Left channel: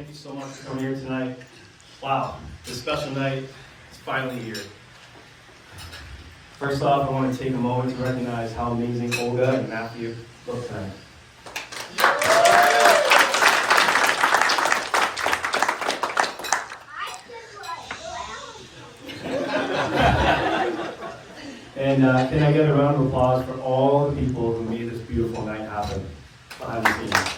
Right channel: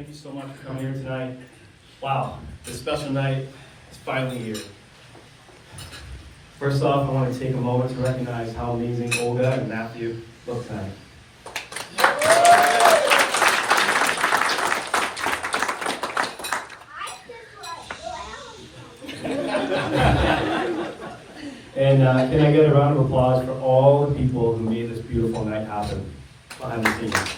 thank you so much for coming here tonight. Wow, this special night is finally here. First off, I want to take a moment to recognize how amazing Olga and Matthew look tonight. And can I get a round of applause for all the people who made this beautiful night happen behind the scenes?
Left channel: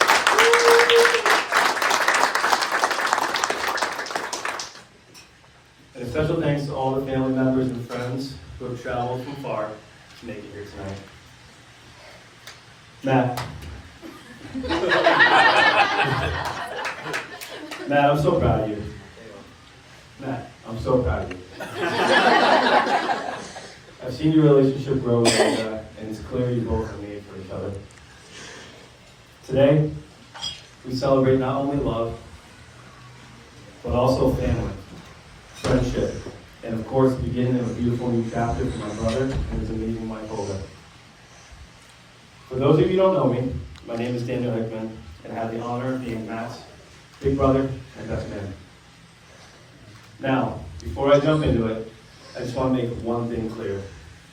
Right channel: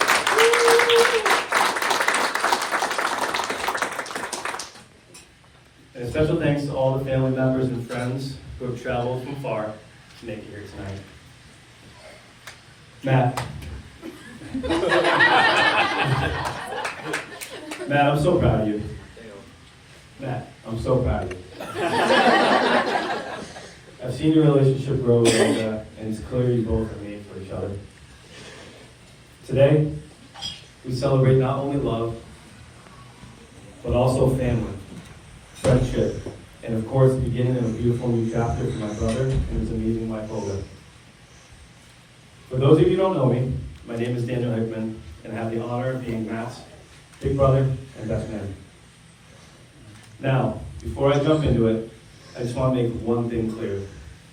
And a special thanks to all the family members and friends who have traveled from far to make it here tonight. Matt. Matt, I'm so proud of you. Matt, I'm so proud of you. I've seen your relationship grow, and it's clear you both are made for each other. Today, we celebrate not only love, but also family, friendship, and of course, the beginning of a beautiful new chapter for my brother and his amazing wife, Olga. For those of you who don't know me, my name is Daniel Hickman, and I have the honor of being Matt's big brother and best man. Now, before I jump into it, I just want to make one thing clear.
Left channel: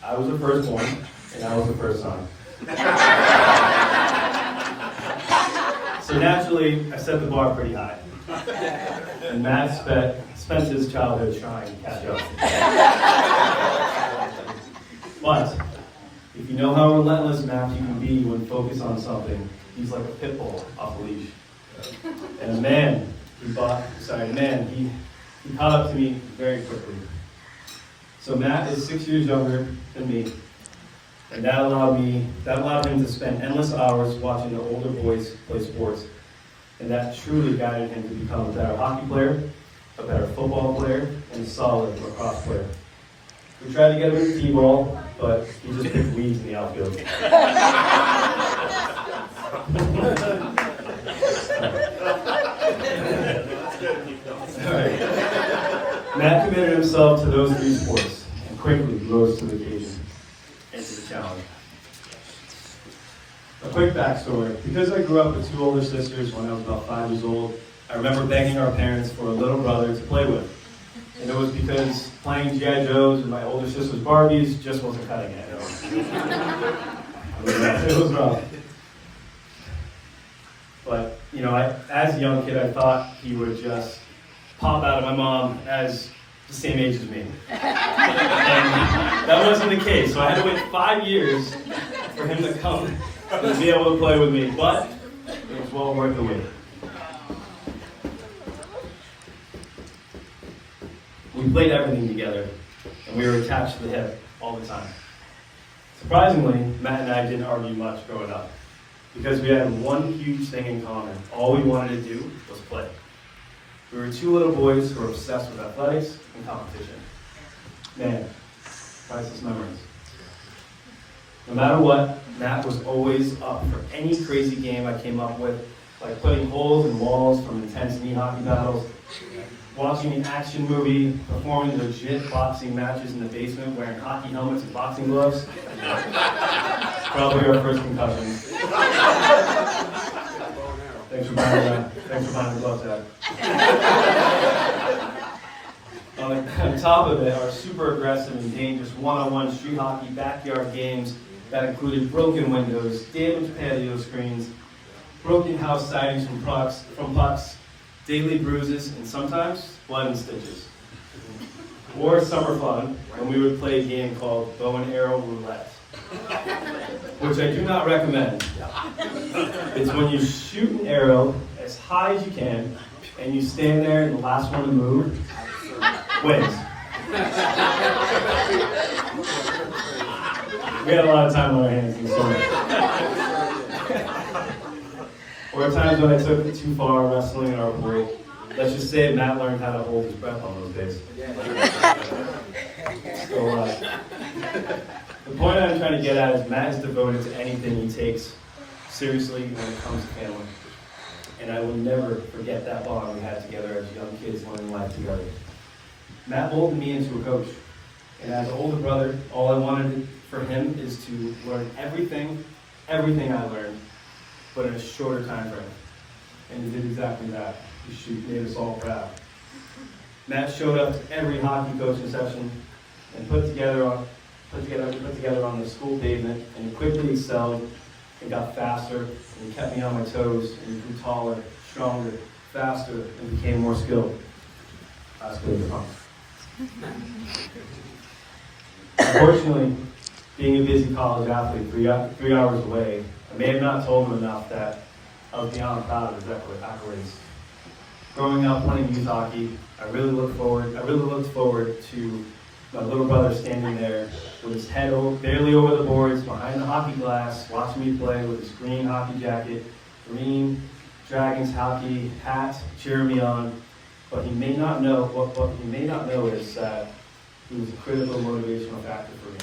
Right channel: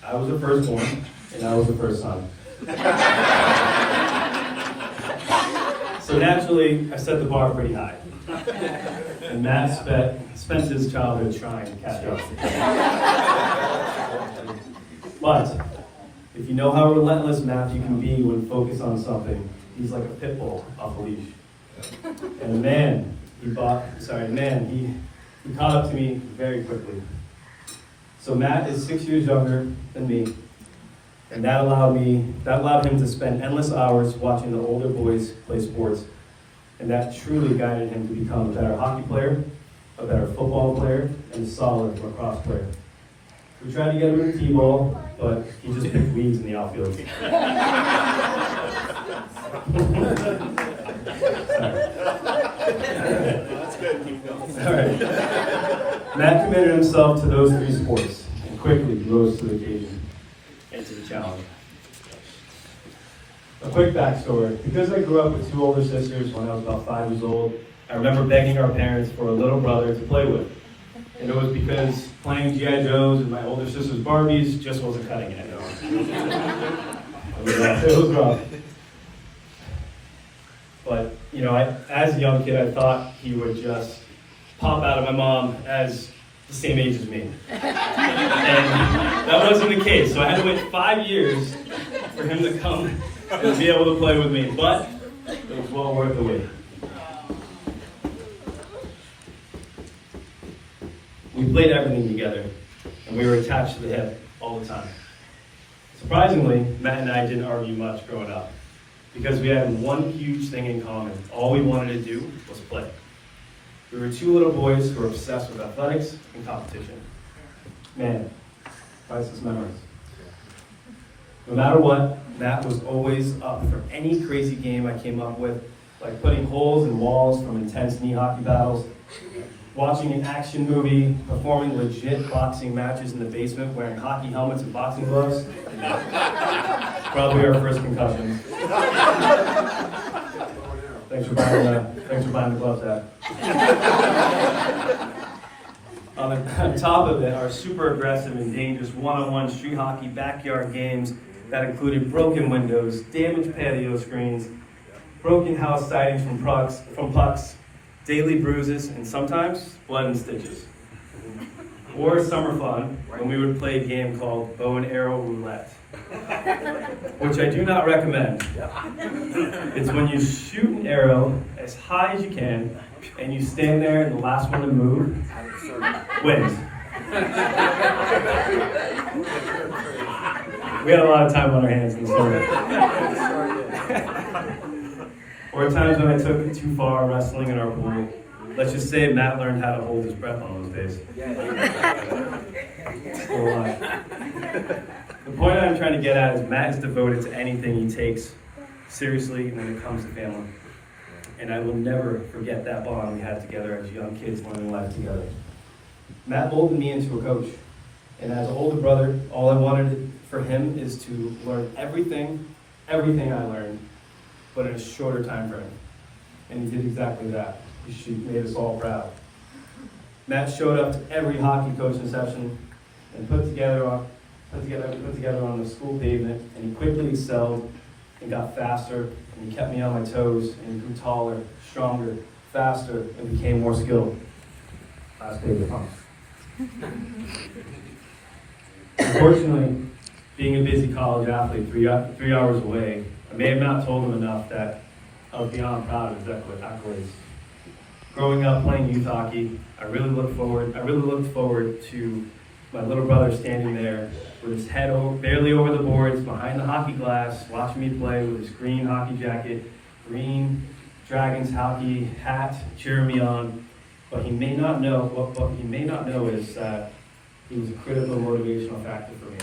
I was the firstborn, and I was the first son. So naturally, I set the bar pretty high. And Matt spent his childhood trying to catch up. But if you know how relentless Matthew can be when focused on something, he's like a pit bull off a leash. And he caught up to me very quickly. So Matt is 6 years younger than me, and that allowed him to spend endless hours watching the older boys play sports, and that truly guided him to become a better hockey player, a better football player, and a solid lacrosse player. We tried to get him into t-ball, but he just picked weeds in the outfield. All right. Matt committed himself to those three sports and quickly rose to the occasion and to the challenge. A quick backstory. Because I grew up with two older sisters when I was about 5 years old, I remember begging our parents for a little brother to play with. And it was because playing G.I. Joes and my older sister's Barbies just wasn't cutting it. It was rough. But, as a young kid, I thought he would just pop out of my mom as the same age as me. And that wasn't the case, so I had to wait 5 years for him to come and be able to play with me, but it was well worth the wait. We played everything together, and we were attached to the hip all the time. Surprisingly, Matt and I didn't argue much growing up, because we had one huge thing in common. All we wanted to do was play. We were two little boys who were obsessed with athletics and competition. Man, priceless memories. No matter what, Matt was always up for any crazy game I came up with, like putting holes in walls from intense knee hockey battles, watching an action movie, performing legit boxing matches in the basement wearing hockey helmets and boxing gloves. Probably our first concussion. Thanks for buying the glove tag. On top of it, our super aggressive and dangerous one-on-one street hockey backyard games that included broken windows, damaged patio screens, broken house sidings from pucks, daily bruises, and sometimes blood and stitches. Or summer fun, when we would play a game called bow and arrow roulette, which I do not recommend. It's when you shoot an arrow as high as you can, and you stand there, and the last one to move wins. We had a lot of time on our hands in the summer. Or at times when I took it too far wrestling in our pool. Let's just say Matt learned how to hold his breath on those days. Still alive. The point I'm trying to get at is Matt is devoted to anything he takes seriously when it comes to family. And I will never forget that bond we had together as young kids learning life together. Matt molded me into a coach. And as an older brother, all I wanted for him is to learn everything I learned, but in a shorter time frame. And he did exactly that. She made us all proud. Matt showed up to every hockey coaching session and put together on the school pavement, and he quickly excelled and got faster, and he kept me on my toes, and he grew taller, stronger, faster, and became more skilled. Last grade, Unfortunately, being a busy college athlete 3 hours away, I may have not told him enough that I was beyond proud of his accolades. Growing up playing youth hockey, I really looked forward to my little brother standing there with his head barely over the boards, behind the hockey glass, watching me play with his green hockey jacket, green Dragons hockey hat, cheering me on. But he may not know is that he was a critical motivational factor for me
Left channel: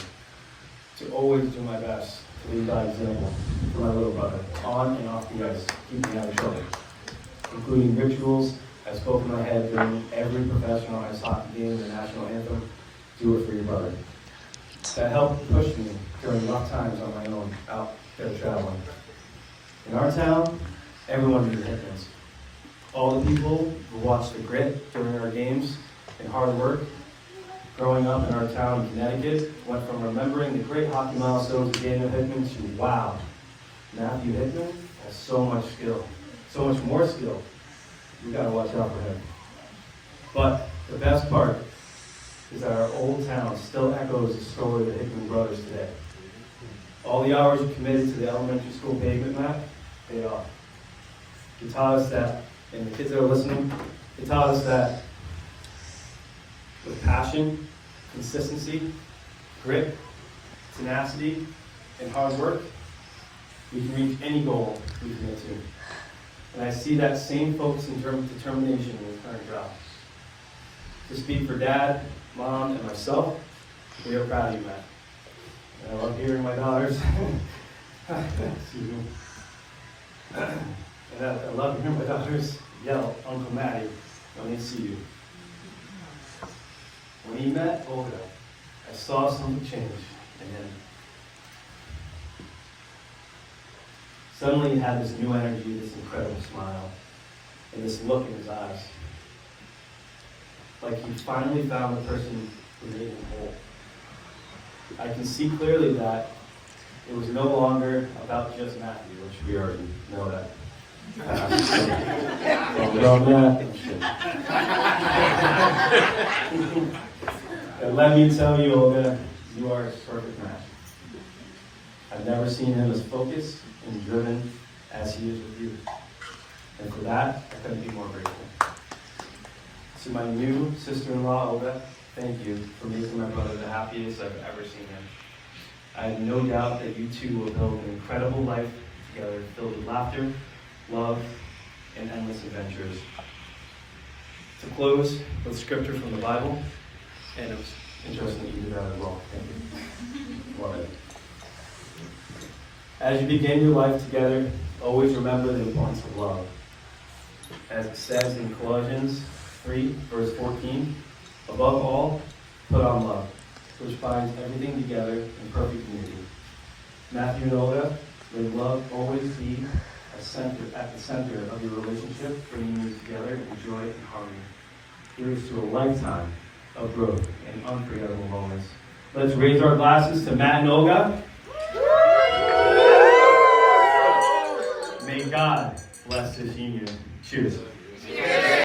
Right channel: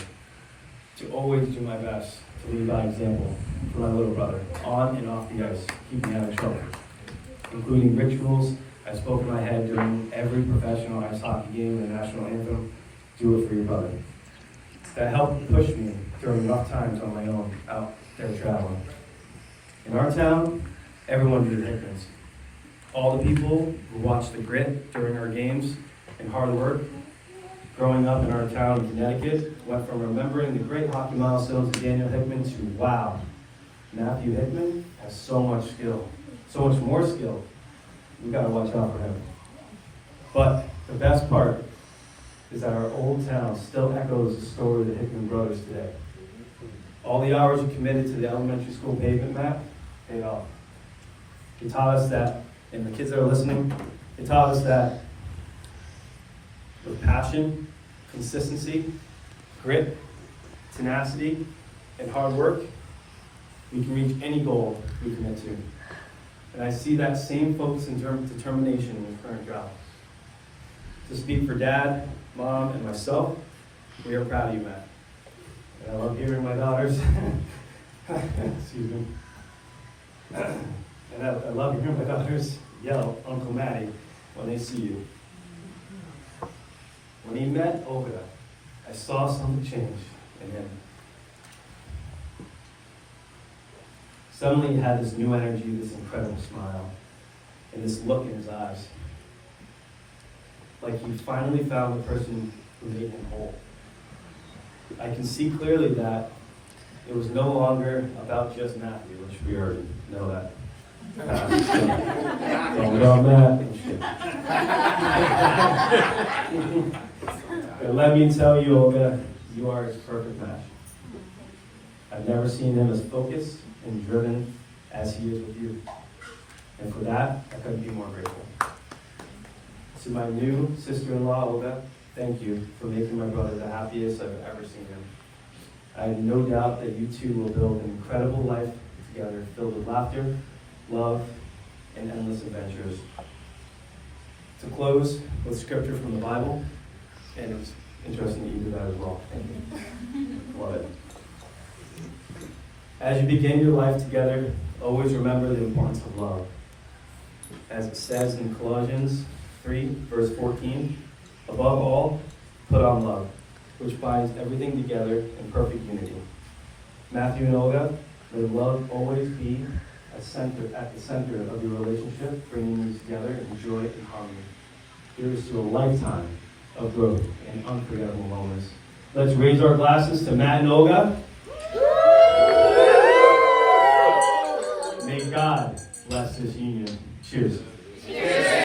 to always do my best to lead by example for my little brother, on and off the ice, keeping out of trouble, including rituals I spoke in my head during every professional ice hockey game, the national anthem, "Do it for your brother." That helped push me during rough times on my own, out there traveling. In our town, everyone knew the Hickmans. All the people who watched the grit during our games and hard work. Growing up in our town in Connecticut, went from remembering the great hockey milestones of Daniel Hickman to, wow, Matthew Hickman has so much skill, so much more skill. We've got to watch out for him. But the best part is that our old town still echoes the story of the Hickman brothers today. All the hours you committed to the elementary school pavement, Mac, paid off. He taught us that, and the kids that are listening, he taught us that with passion, consistency, grit, tenacity, and hard work, we can reach any goal we commit to. And I see that same focus and determination in his current job. To speak for Dad, Mom, and myself, we are proud of you, Matt. And I love hearing my daughters. Excuse me. And I love hearing my daughters yell Uncle Matty when they see you. When he met Olga, I saw something change in him. Suddenly he had this new energy, this incredible smile, and this look in his eyes. Like he finally found the person who made him whole. I can see clearly that it was no longer about just Matthew, which we already know that. Don't know Matt. And let me tell you, Olga, you are his perfect match. I've never seen him as focused and driven as he is with you. And for that, I couldn't be more grateful. To my new sister-in-law, Olga, thank you for making my brother the happiest I've ever seen him. I have no doubt that you two will build an incredible life together, filled with laughter, love, and endless adventures. To close with scripture from the Bible, and it was interesting that you did that as well. Thank you. Love it. As you begin your life together, always remember the importance of love. As it says in Colossians 3, verse 14, above all, put on love, which binds everything together in perfect unity. Matthew and Olga, may love always be at the center of your relationship, bringing you together in joy and harmony. Here's to a lifetime of growth and unforgettable moments. Let's raise our glasses to Matt and Olga. May God bless this union. Cheers.